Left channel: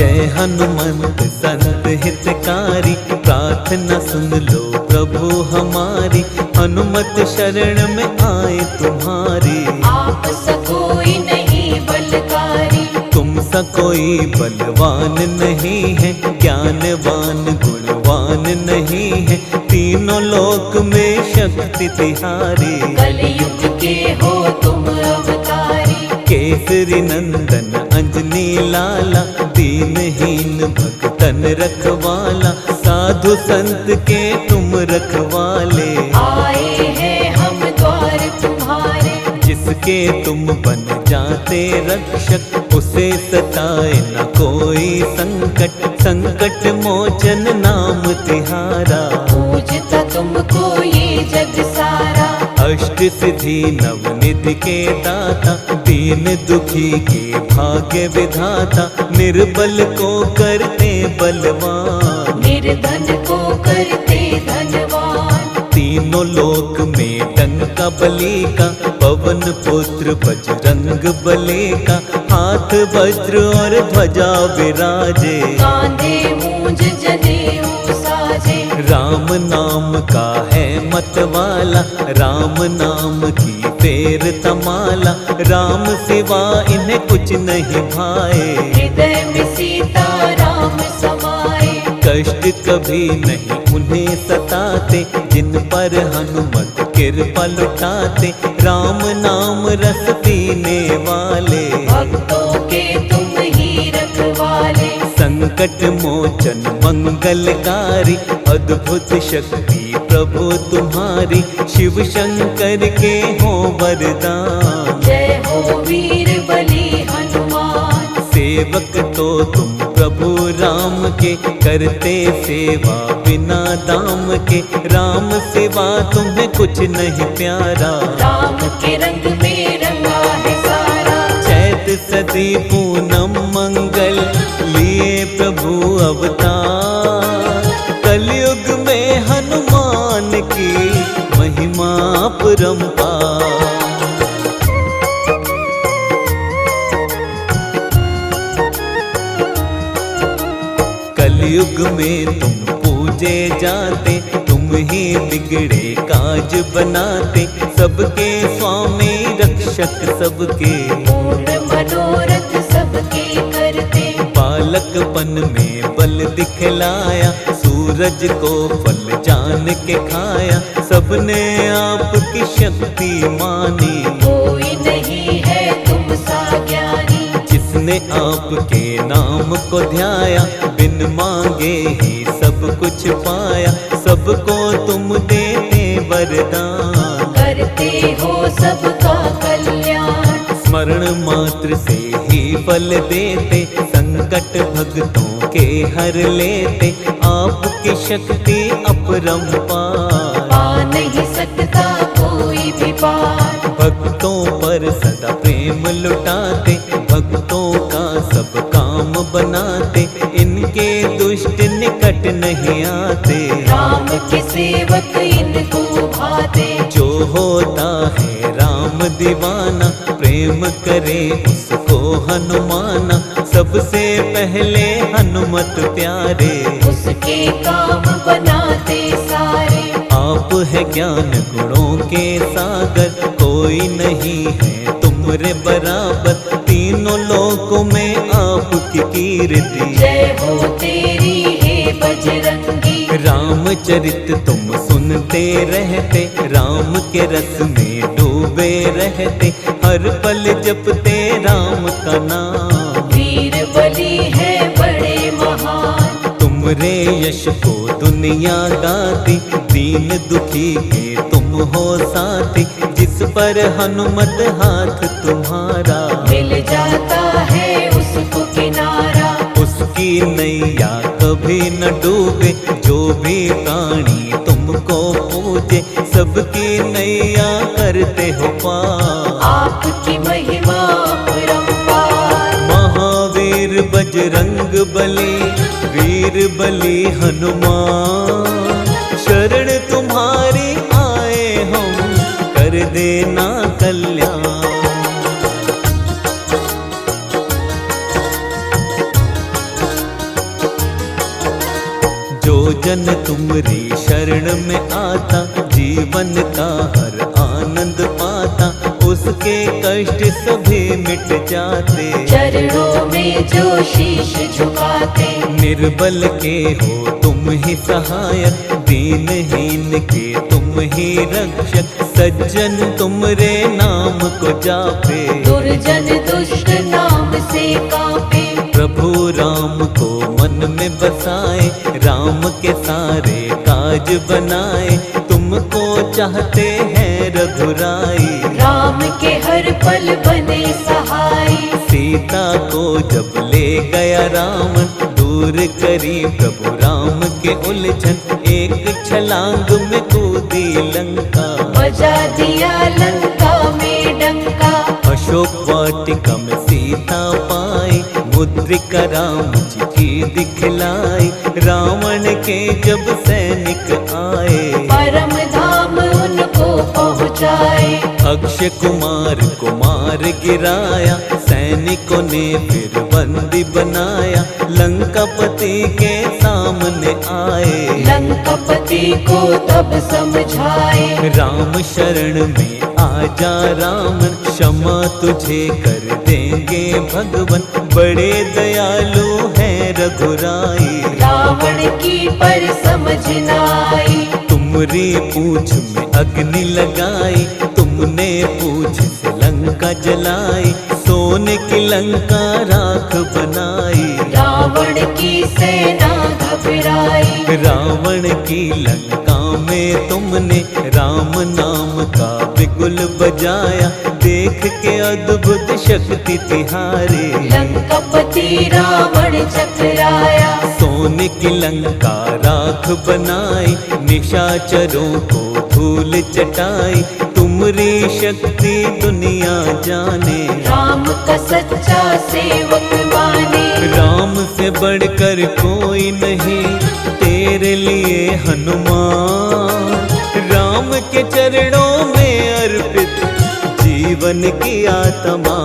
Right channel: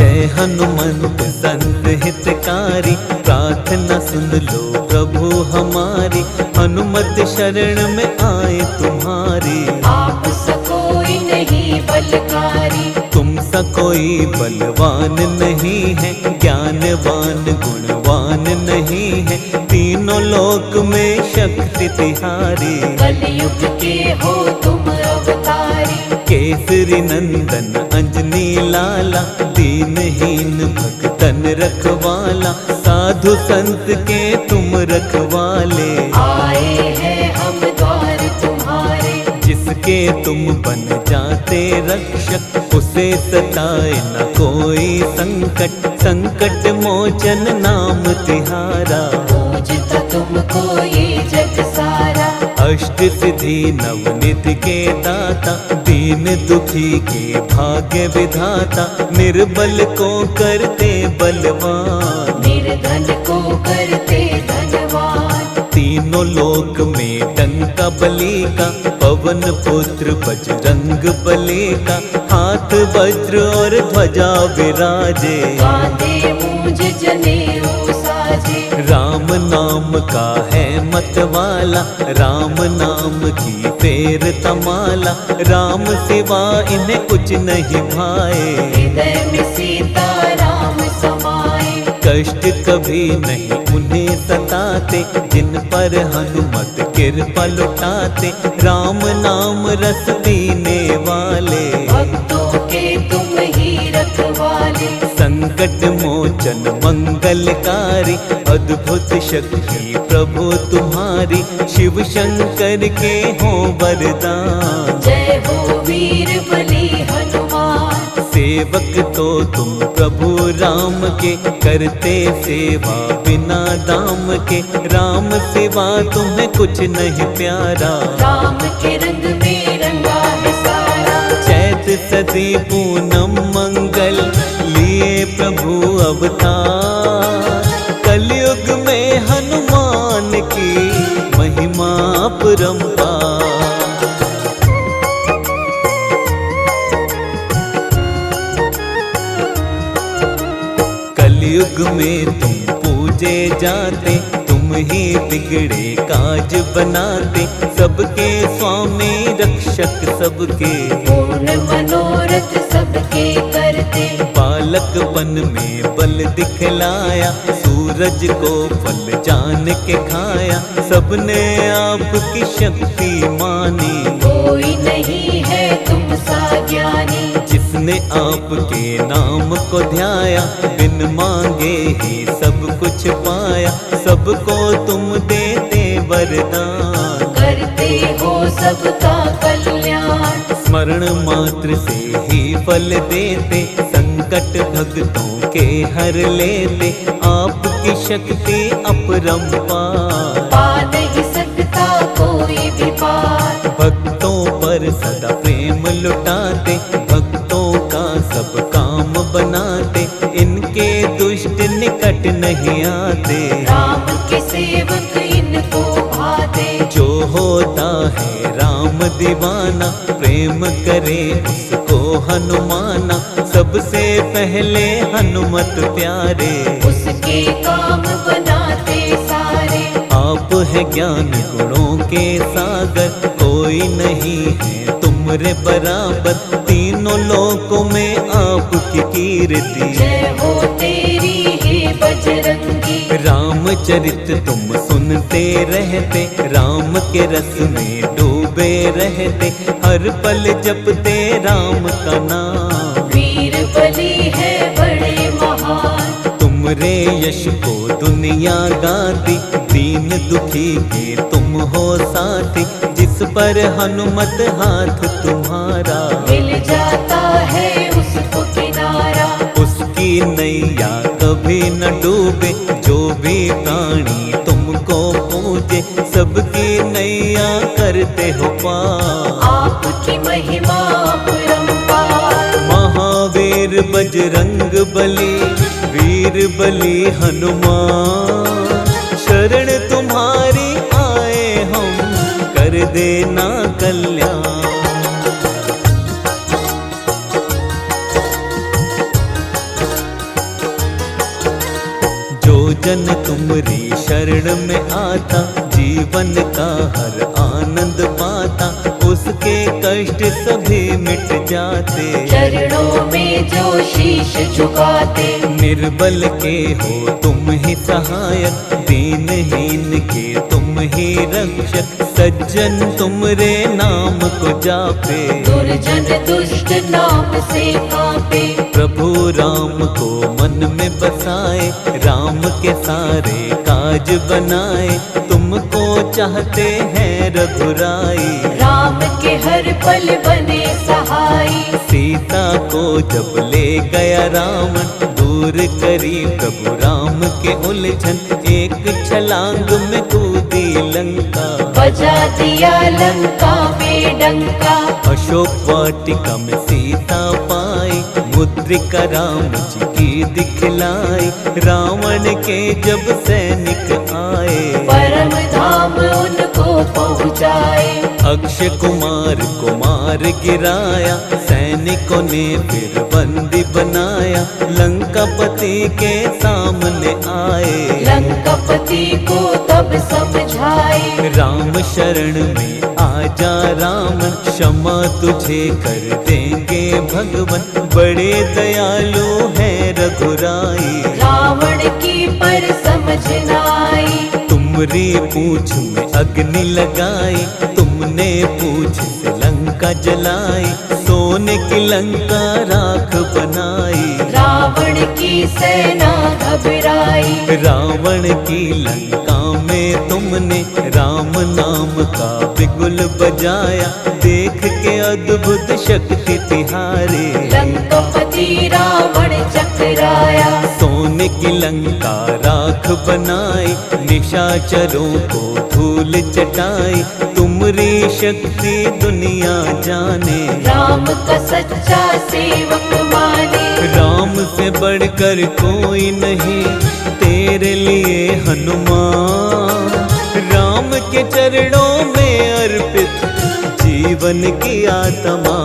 जय हनुमंत संत हितकारी, प्रार्थना सुन लो प्रभु हमारी। हनुमत शरण में आए तुम्हारी, आप सकोई नहीं बलकारी। तुम सा कोई बलवान नहीं है, ज्ञानवान गुणवान नहीं है। तीनों लोक में शक्ति तिहारी, कलयुग के हो तुम अवतारी। केसरी नंदन अंजनी लाला, दीनहीन भक्तन रखवाला। साधु संत के तुम रखवाले, आए हैं हम द्वार तुम्हारे। जिसके तुम बन जाते रक्षक, उसे सताए न कोई संकट। संकट मोचन नाम तिहारा, पूजता तुमको ये जग सारा। अष्ट सिद्धि नवनिधि के दाता, दीन दुखी के भाग्य विधाता। निर्बल को करते बलवान, निर्धन को करते धनवान। तीनों लोक में डंका बली का, पवन पुत्र बजरंग बली का। हाथ वज्र और ध्वजा विराजे, कांधे मूंज जनेऊ साजे। राम नाम का है मतवाला, राम नाम की फेर तमाला। राम सिवा इन्हें कुछ नहीं भाए, हृदय में सीता राम समाए। कष्ट कभी नहीं उन्हें सताते, जिन पर हनुमत कृपा लुटाते। राम नाम रस पीने वाले, भक्तों के तुम ही रखवाले। संकट मोचन मंगलकारी। अद्भुत शक्ति प्रभु तुम्हारी, शिव शंकर के हो वरदान। जय हो वीर बली हनुमान। सेवक तो तुम प्रभु राम के, करते सेवा बिना दाम के। राम सिवा तुम्हें कुछ नहीं प्यारा, राम के रंग में रंगा है सारा। चैत सदी पूनम मंगल, लिए प्रभु अवतार। कलयुग में हनुमान की महिमा परंपार। कलयुग में तुम पूजे जाते, तुम ही बिगड़े काज बनाते। सबके स्वामी रक्षक सबके, पूर्ण मनोरथ सबके करते। बालकपन में बल दिखलाया, सूरज को फल जान के खाया। सबने आपकी शक्ति मानी, कोई नहीं है तुम सा ज्ञानी। जिसने आपके नाम को ध्याया, बिन मांगे ही सब कुछ पाया। सबको तुम देते वरदान, करते हो सबका कल्याण। स्मरण मात्र से ही फल देते। संकट भक्तों के हर लेते, आपकी शक्ति अपरंपार। आ नहीं सकता कोई भी पार। भक्तों पर सदा प्रेम लुटाते, भक्तों का सब काम बनाते। इनके दुष्ट निकट नहीं आते, राम के सेवक इनको भाते। जो होता है राम दीवाना, प्रेम करे उसको हनुमाना। सबसे पहले हनुमत प्यारे, उसके काम बनाते सारे। आप है ज्ञान गुणों के सागर, कोई नहीं है तुमरे बराबर। तीनों लोकों में आपकी कीर्ति, जय हो तेरी हे बजरंगी। रामचरित तुम सुनते रहते, राम के रस में डूबे रहते। हर पल जपते राम का नाम, वीर बली है बड़े महान। तुमरे यश को दुनिया गाती, दीन दुखी के तुम हो साथी। जिस पर हनुमत हाथ तुम्हारा, मिल जाता है उसको किनारा। उसकी नैया कभी न डूबे। जो भी प्राणी तुमको पूजे, सबकी नैया करते हो पार। आपकी महिमा अपरंपार। महावीर बजरंग बली, वीर बली हनुमान। शरण तुम्हारी आए हम, कर देना कल्याण। जन तुमरी शरण में आता, जीवन का हर आनंद पाता, उसके कष्ट सभी मिट जाते। चरणों में जो शीश झुकाते, निर्बल के हो तुम ही सहायक, दीनहीन के तुम ही रक्षक, सज्जन तुमरे नाम को जापे। दुर्जन दुष्ट नाम से कांपे, प्रभु राम को मन में बसाए, राम के सारे काज बनाए, तुमको चाहते हैं रघुराई। राम के हर पल बने सहाय, सीता को जब ले गया रावण, दूर करी प्रभु राम के उलझन, एक छलांग में कूदी लंका, बजा दिया लंका में डंका। अशोक वाटिका में सीता पाई, मुद्रिका राम जी की दिखलाई, रावण के जब सैनिक आए, परम धाम उनको पहुँचाए। अक्षय कुमार को मार गिराया, सैनिकों ने फिर बंदी बनाया, लंकापति के सामने आए, लंकापति को तब समझाए। राम शरण में आजा रावण, क्षमा तुझे कर देंगे भगवन, बड़े दयालु है रघुराई। रावण की पर समझ न आई, तुमरी पूंछ में अग्नि लगाई, तुमने पूंछ से लंका जलाई, सोने की लंका राख बनाई। रावण की सेना घबराई, रावण की लंका में तुमने राम नाम का बिगुल बजाया, देख के अद्भुत शक्ति तिहारे, लंकापति रावण चकराया। सोने की लंका राख बनाई, निशाचरों को धूल चटाई, तुमरी शक्ति दुनिया जाने। राम का सच्चा सेवक माने, राम से बढ़कर कोई नहीं तेरे लिए हनुमान, राम के चरणों में अर्पित जीवन की आत्मा।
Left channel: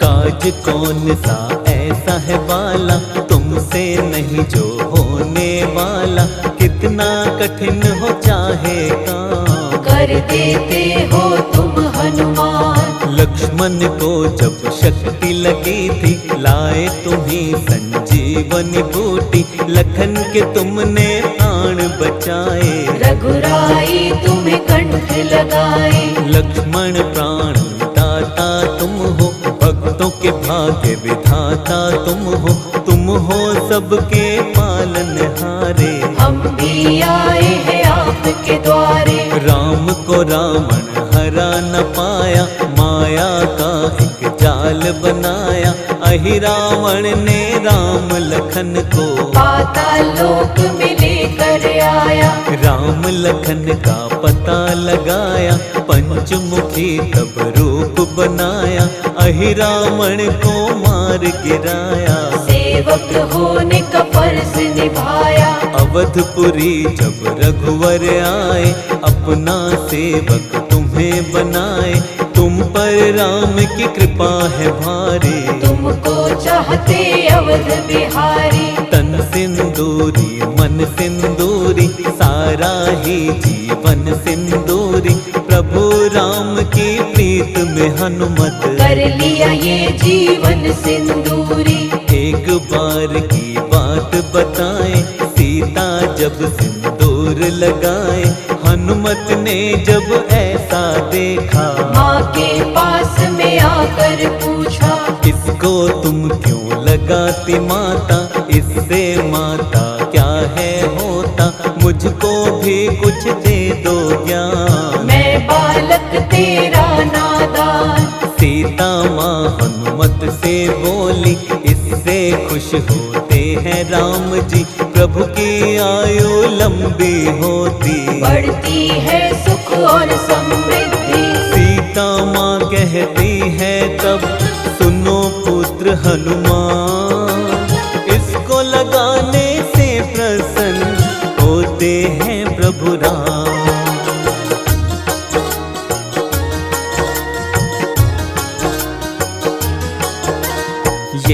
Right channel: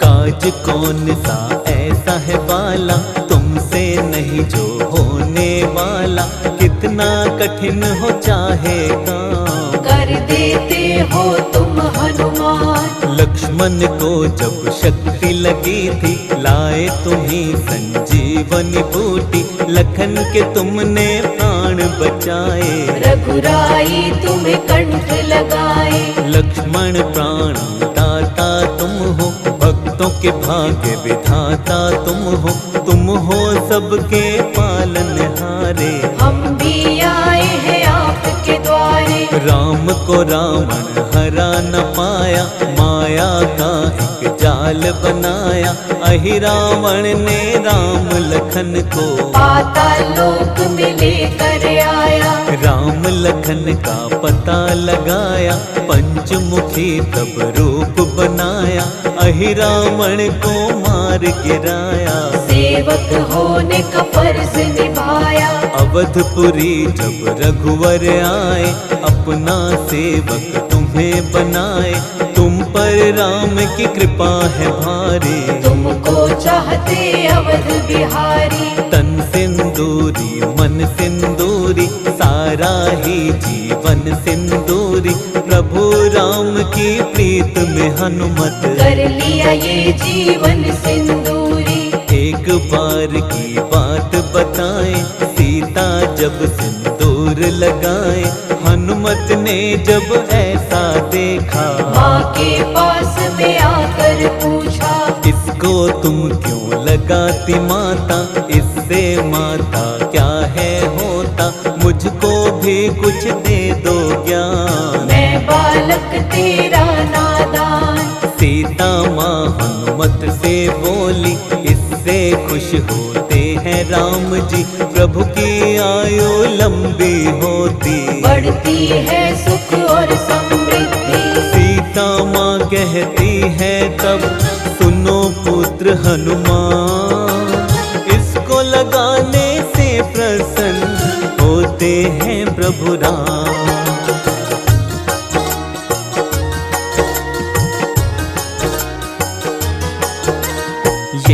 काज कौन सा ऐसा है बाला, तुमसे नहीं जो होने वाला, कितना कठिन हो चाहे काम, कर देते हो तुम हनुमान। लक्ष्मण को जब शक्ति लगी थी, लाए तुम्हीं संजीवनी बूटी, लखन के तुमने प्राण बचाए, रघुराई तुम्हें कंठ लगाए। लक्ष्मण प्राण दाता तुम हो, भक्तों के भाग्य विधाता तुम हो सबके पालनहारे। हम भी आए हैं आपके द्वारे, राम को रावण हरा न पाया, माया का एक जाल बनाया, अहि रावण ने राम लखन को पाताल लोक में लेकर आया। राम लखन का पता लगाया, पंचमुखी तब रूप बनाया, अहि रावण को मार गिराया, सेवक होने का फर्ज निभाया। अवधपुरी जब रघुवर आए, अपना सेवक तुम्हें बनाए, तुम पर राम की कृपा है भारी, तुमको चाहते अवध बिहारी। तन सिंदूरी मन सिंदूरी, सारा ही जीवन सिंदूरी, प्रभु राम की प्रीत में हनुमत कर लिया ये जीवन सिंदूरी। एक बार की बात बताएं, सीता जब सिंदूर लगाए, हनुमत ने जब ऐसा देखा, माँ के पास में आकर पूछा, इसको तुम क्यों लगाती माता, इससे माता क्या है होता, मुझको भी कुछ दे दो ज्ञान। मैं बालक तेरा नादान। सीता माँ हनुमत से बोली, इससे खुश होते हैं राम जी, प्रभु की आयु लंबी होती, बढ़ती है सुख और समृद्धि। सीता माँ कहती है तब, सुनो पुत्र हनुमान, इसको लगाने से प्रसन्न होते हैं प्रभु राम।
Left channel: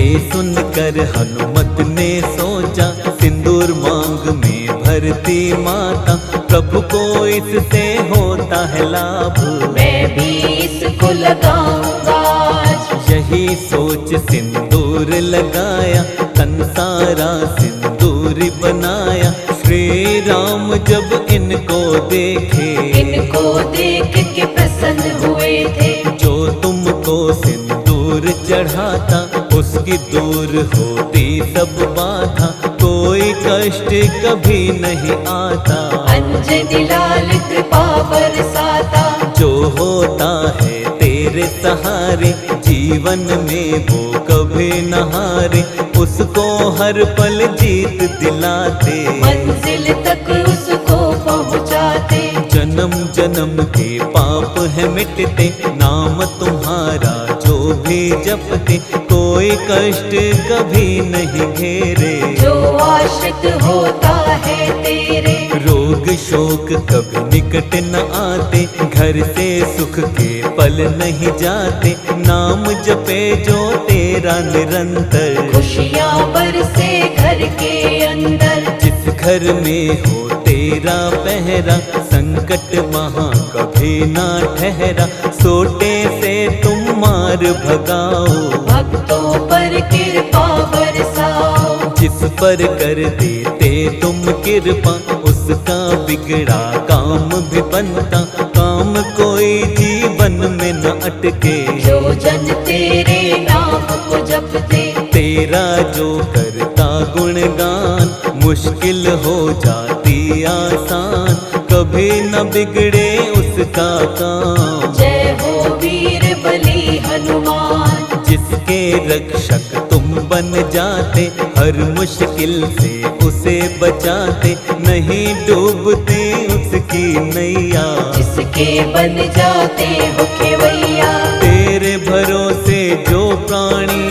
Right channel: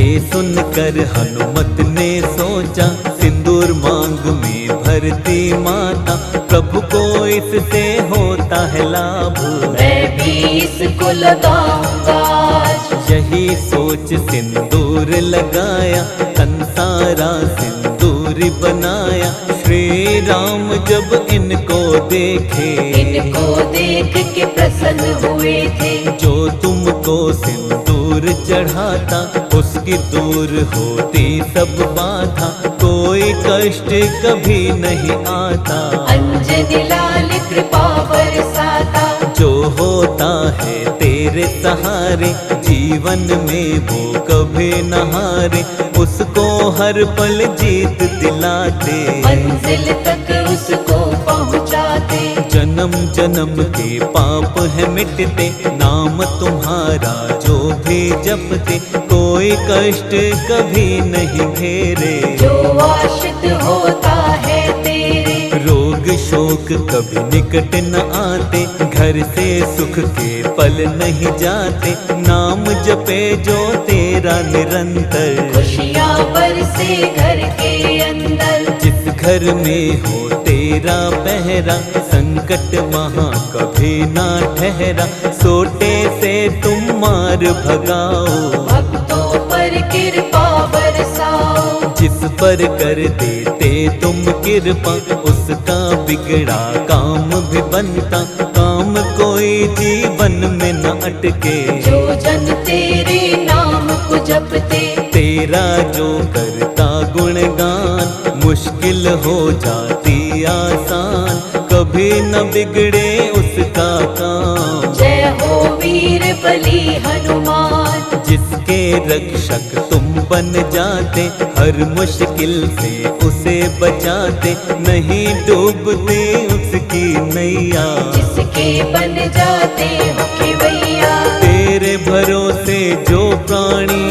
ये सुनकर हनुमत ने सोचा, सिंदूर मांग में भरती माता, प्रभु को इससे होता है लाभ, मैं भी इसको लगाऊंगा आज। यही सोच सिंदूर लगाया, तन सारा सिंदूरी बनाया। श्री राम जब इनको देखे, इनको देख के प्रसन्न हुए थे। जो तुमको सिंदूर चढ़ाता, उसकी दूर होती सब बाधा, कोई कष्ट कभी नहीं आता। अंजनी लाल कृपा बरसाता, जो होता है तेरे सहारे, जीवन में वो कभी न हारे, उसको हर पल जीत दिलाते, मंजिल तक उसको पहुंचाते। जन्म जन्म के पाप है मिटते, नाम तुम्हारा जो भी जपते, कोई कष्ट कभी नहीं घेरे। जो आश्रित होता है तेरे, रोग शोक कभी निकट न आते, घर से सुख के पल नहीं जाते, नाम जपे जो तेरा निरंतर। खुशियाँ बरसे घर के अंदर, जिस घर में हो तेरा पहरा, संकट वहाँ कभी ना ठहरा, सोटे से तुम मार भगाओ, भक्तों पर कृपा बरसाओ। जिस पर कर देते तुम कृपा, उसका बिगड़ा काम भी बनता, काम कोई जीवन में न अटके। जो जन तेरे नाम को जपते, तेरा जो करता गुणगान, मुश्किल हो जाती आसान, कभी न बिगड़े उसका काम। जय हो वीर बली हनुमान, जिसके रक्षक तुम बन जाते, हर मुश्किल से उसे बचाते, नहीं डूबती उसकी नैया। जिसके बन जाते हो खेवैया, तेरे भरोसे जो प्राणी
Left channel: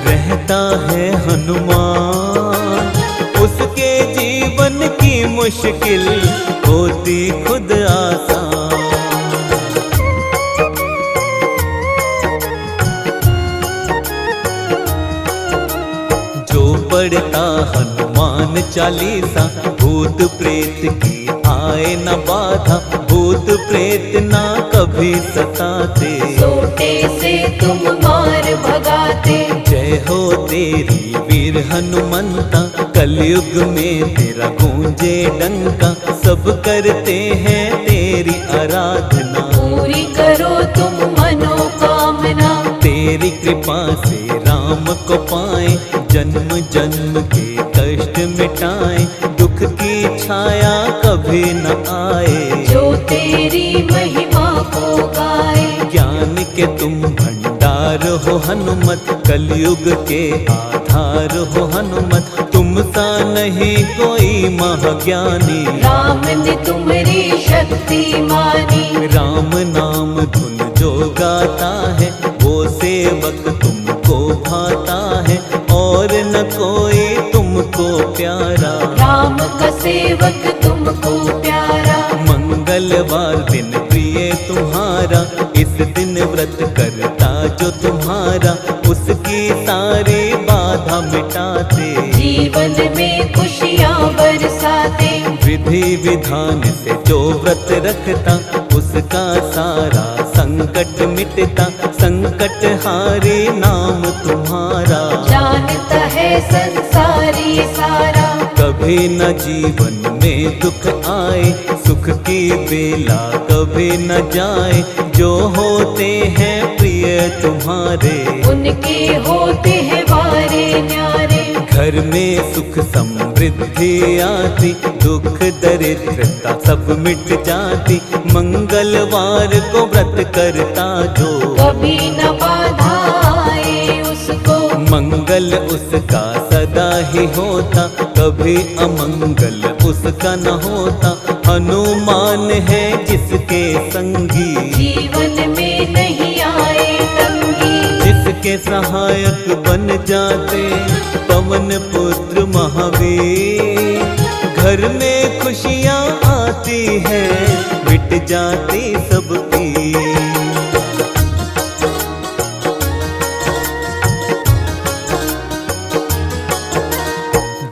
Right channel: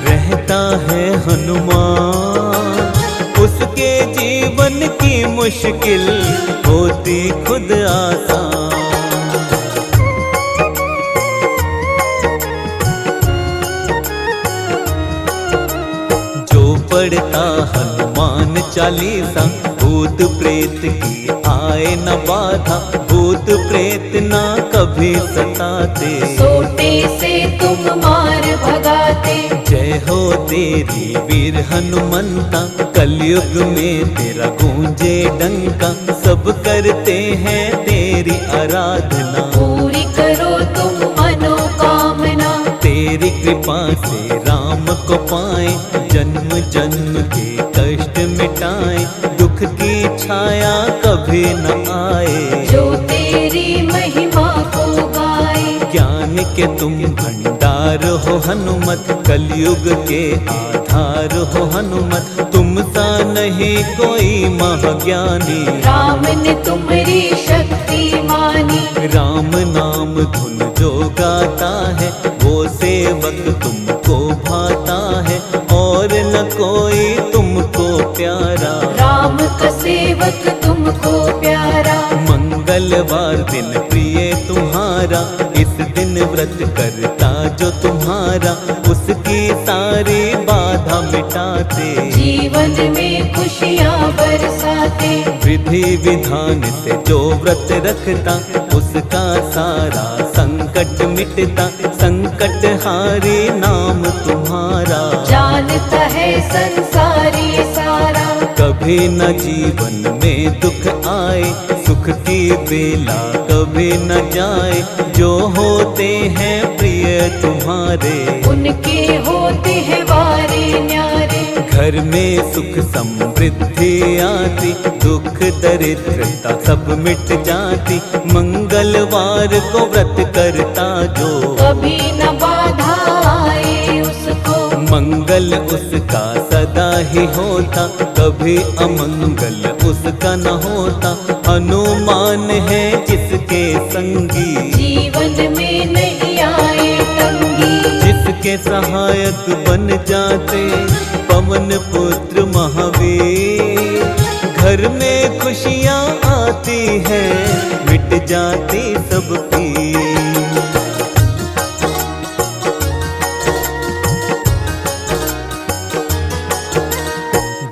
रहता है हनुमान, उसके जीवन की मुश्किल होती खुद आसान। जो पढ़ता हनुमान चालीसा, भूत प्रेत की आए न बाधा, भूत प्रेत ना कभी सताते। सोटे से तुम मार भगाते, जय हो तेरी वीर हनुमंता, कलयुग में तेरा गूंजे डंका, सब करते हैं तेरी आराधना। पूरी करो तुम मनोकामना, तेरी कृपा से राम को पाए, जन्म जन्म के कष्ट मिटाए, दुख की छाया कभी न आए। जो तेरी महिमा को गाए, ज्ञान के तुम भंडार हो हनुमत, कलयुग के आधार हो हनुमत, तुम सा नहीं कोई महाज्ञानी। राम ने तुम्हारी शक्ति मानी, राम नाम धुन जो गाता है, वो सेवक तुमको भाता है, और न कोई तुमको प्यारा। राम का सेवक तुमको प्यारा, मंगलवार दिन प्रिय तुम्हारा, इस दिन व्रत करता जो तुम्हारा, उसकी सारी बाधा मिटाते, जीवन में खुशियाँ बरसाते। विधि विधान से जो व्रत रखता, उसका सारा संकट मिटता, संकट हारी नाम तुम्हारा। जानता है संसारी सारा, कभी न जीवन में दुख आए, सुख की बेला कभी न जाए, जो होते हैं प्रिय तुम्हारे, उनके होते हैं वारे न्यारे। घर में सुख समृद्धि आती, दुख दरिद्रता सब मिट जाती, मंगलवार को व्रत करता जो, कभी न बाधा आए उसको, मंगल उसका सदा ही होता, कभी अमंगल उसका न होता। हनुमान है जिसके संगी, जीवन में नहीं आए तंगी, जिसके सहायक बन जाते पवन पुत्र महावीर। घर में खुशियाँ आती हैं, मिट जाती सब पीर।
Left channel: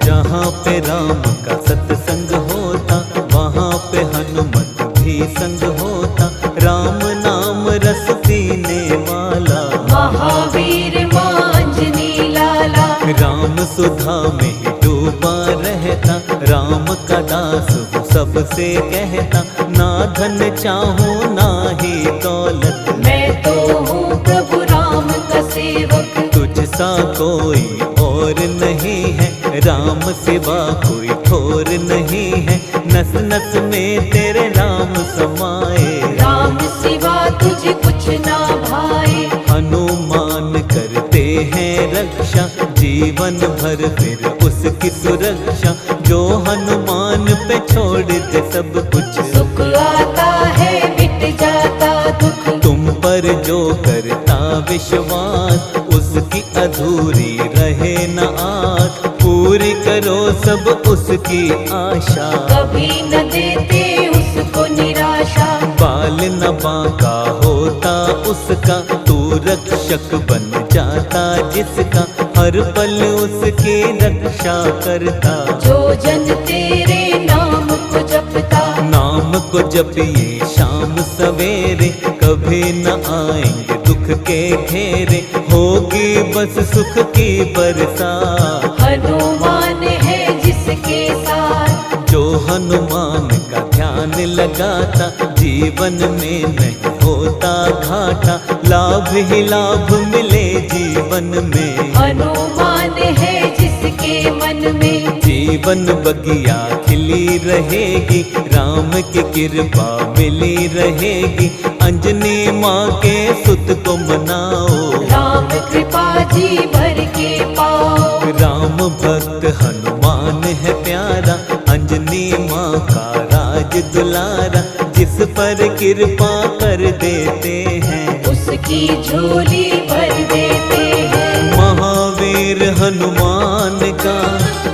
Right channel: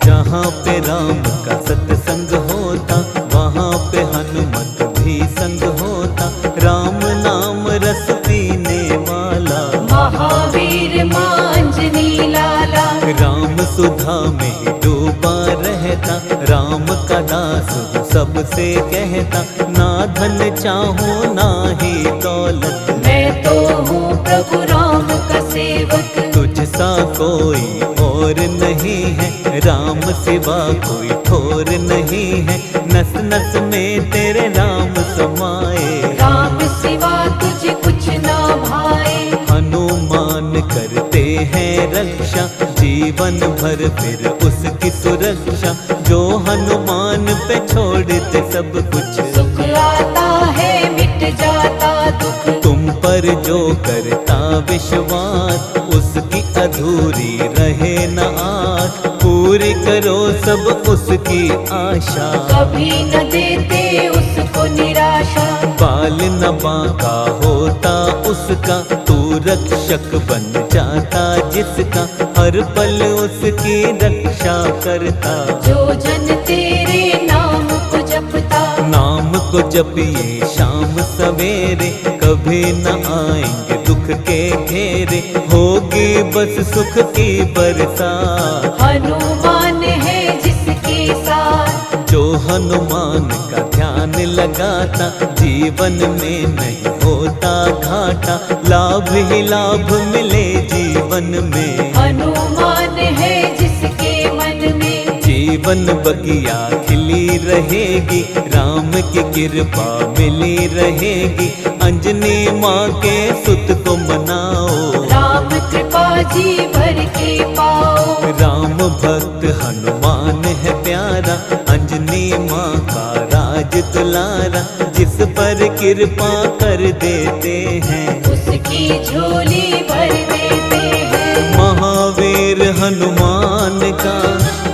जहाँ पे राम का सत्संग होता वहाँ पे हनुमत भी संग होता। राम नाम रस पीने वाला महावीर मां अंजनी लाला। राम सुधा में ही डूबा रहता। राम का दास हूँ सबसे कहता। ना धन चाहूँ ना ही दौलत, मैं तो हूँ प्रभु राम का सेवक। तुझसा कोई और नहीं है। राम सिवा कोई ठोर नहीं है। नस नस में तेरे राम समाए। राम सिवा तुझे कुछ ना भाए। हनुमान करते हैं रक्षा, जीवन भर फिर उसकी सुरक्षा। जो हनुमान पे छोड़ दे सब कुछ, सुख आता है मिट जाता दुख। तुम पर जो करता विश्वास, उसकी अधूरी रहे न आस। पूरी करो सब उसकी आशा, कभी न देते उसको निराशा। बाल न बांका होता उसका, तू रक्षक बन जाता जिसका। हर पल उसकी रक्षा करता। जो जन तेरे नाम को जपता, नाम को जपिए शाम सवेरे, कभी न आएंगे दुख के घेरे। होगी बस सुख की बरसात, हनुमान है जिसके साथ। जो हनुमान का ध्यान लगाता। जीवन में नहीं होता घाटा, लाभ ही लाभ मिले जीवन में। हनुमान है जिसके मन में, जीवन बगिया खिली रहेगी। राम की कृपा मिली रहेगी। अंजनी माँ के सुत को मनाओ, राम कृपा जी भर के पाओ। राम भक्त हनुमान है प्यारा। अंजनी माँ का राज दुलारा, जिस पर कृपा कर देते हैं उसकी झोली भर देते हैं। महावीर हनुमान का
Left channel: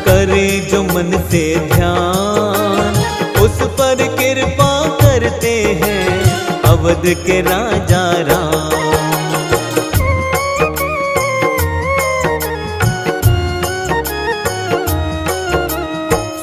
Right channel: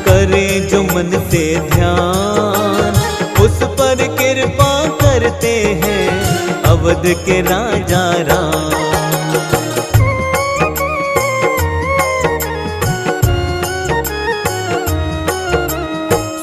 करे जो मन से ध्यान, उस पर कृपा करते हैं अवध के राजा राम।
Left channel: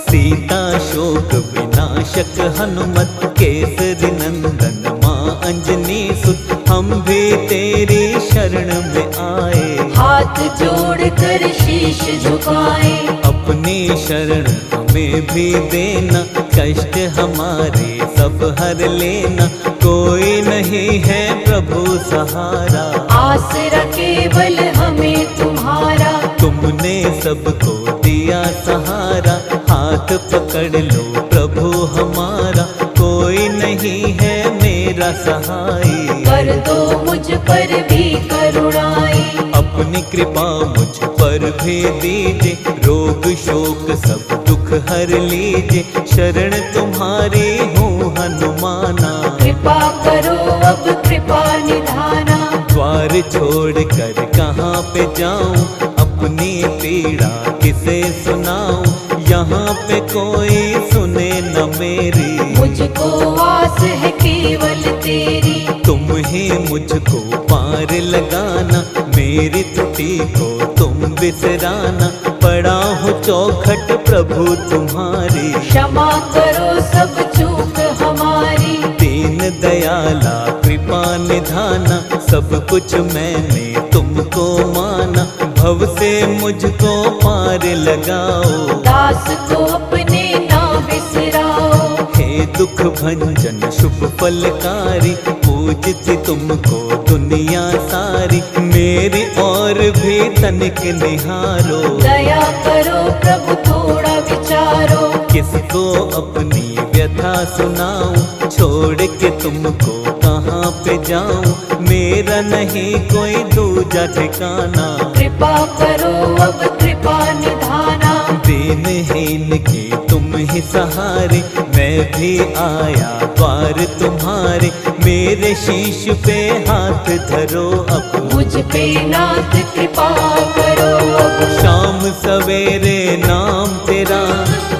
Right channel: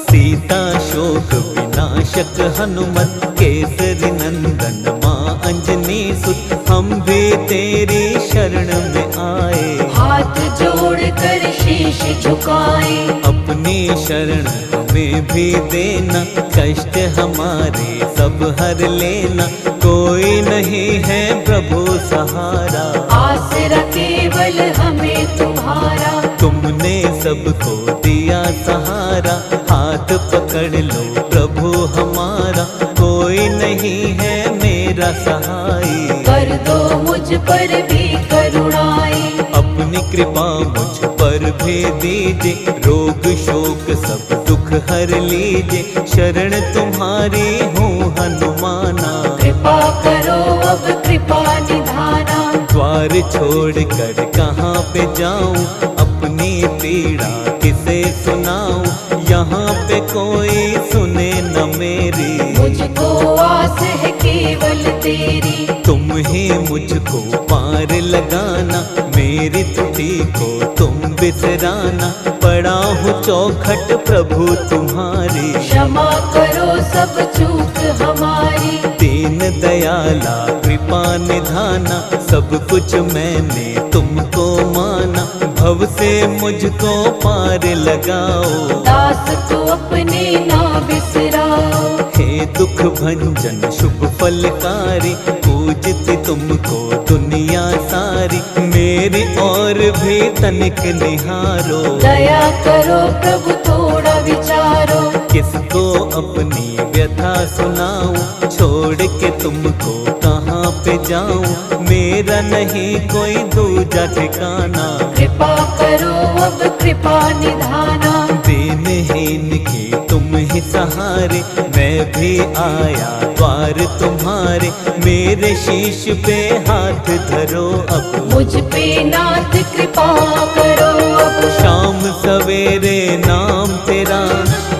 सीता शोक विनाशक हनुमत, केसरी नंदन माँ अंजनी सुत। हम भी तेरी शरण में आए, हाथ जोड़कर शीश झुकाए। अपनी शरण हमें भी देना। कष्ट हमारे सब हर लेना, कोई नहीं है प्रभु सहारा। आसरा केवल हमें तुम्हारा, तुमने सबको दिया सहारा। हाथ पकड़ लो प्रभु हमारा, कोई नहीं है मेरा सहाय। कर दो मुझ पर भी करुणाई। अपनी कृपा मुझ पर भी दीजिए, रोग शोक सब दुख हर लीजिए। शरण तुम्हारी हूँ हनुमाना, कृपा करो अब कृपा निधाना। द्वार छोड़ कर कहाँ पे जाऊँ, अपनी पीड़ा किसे सुनाऊँ। यहाँ पे कोई सुने न मेरी, मुझको आस है केवल तेरी। तुम ही मुझको पार लगाना। मेरी त्रुटि को तुम बिसराना। पड़ा हूँ चौखट प्रभु तुम्हारी, क्षमा करो सब चूक हमारी। दीन दयाला कृपा निधाना। सब कुछ मैंने तुमको माना, भव से मुझको पार लगाओ। दास को अपने ना बिसराओ। हे दुख भंजन शुभ फलकारी, पूजती तुमको दुनिया सारी। मेरी और भी तनिक निहारो, दया करो प्रभु थोड़ा विचारो। किसको अपनी व्यथा सुनाऊं, छोड़ के तुमको कहाँ पे जाऊं। मेरा नहीं कोई दूजा ठिकाना, कृपा करो अब कृपा निधाना। दीनहीन के तुम ही सहारे, मैं भी आया द्वार तुम्हारे। मेरे शीश पे हाथ धरो अब, मुझ पे नाथ कृपा करो अब। शाम सवेरे नाम तेरा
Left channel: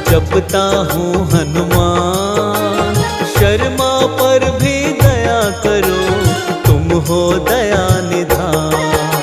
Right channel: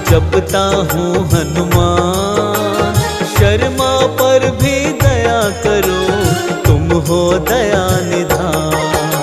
जपता हूँ हनुमान। शर्मा पर भी दया करो, तुम हो दया निधान।